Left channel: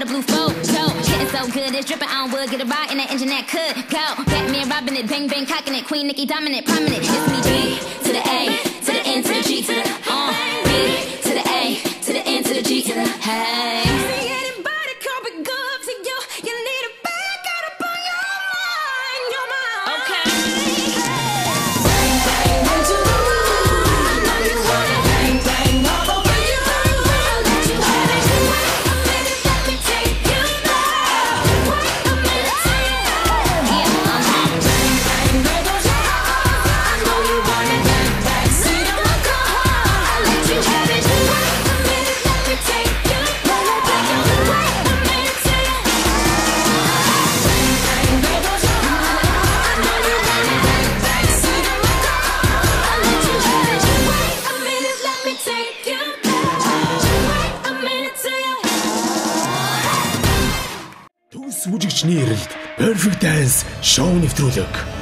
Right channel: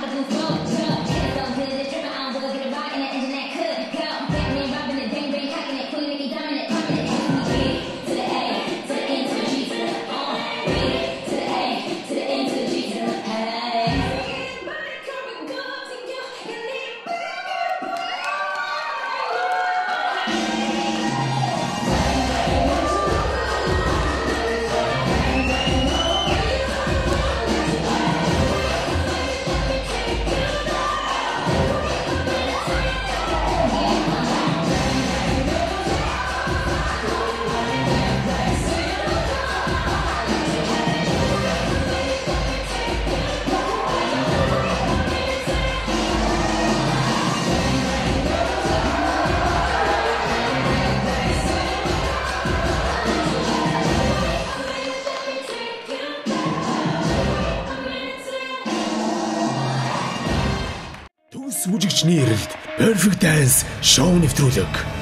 the blue photo. Getting so good, it's dripping on wood. Get a ride in the engine that could go. Batman robbing it, bang bang cocking it. Queen Nicki dominant, prominent. It's me B to the A to the N to the G to the B to the A to the N to the G to the hey. Anybody coming good to you? You need a back up on your mind. Төс бүжигчний эрэлт Perfect Dance шоу нэвтрүүлэг.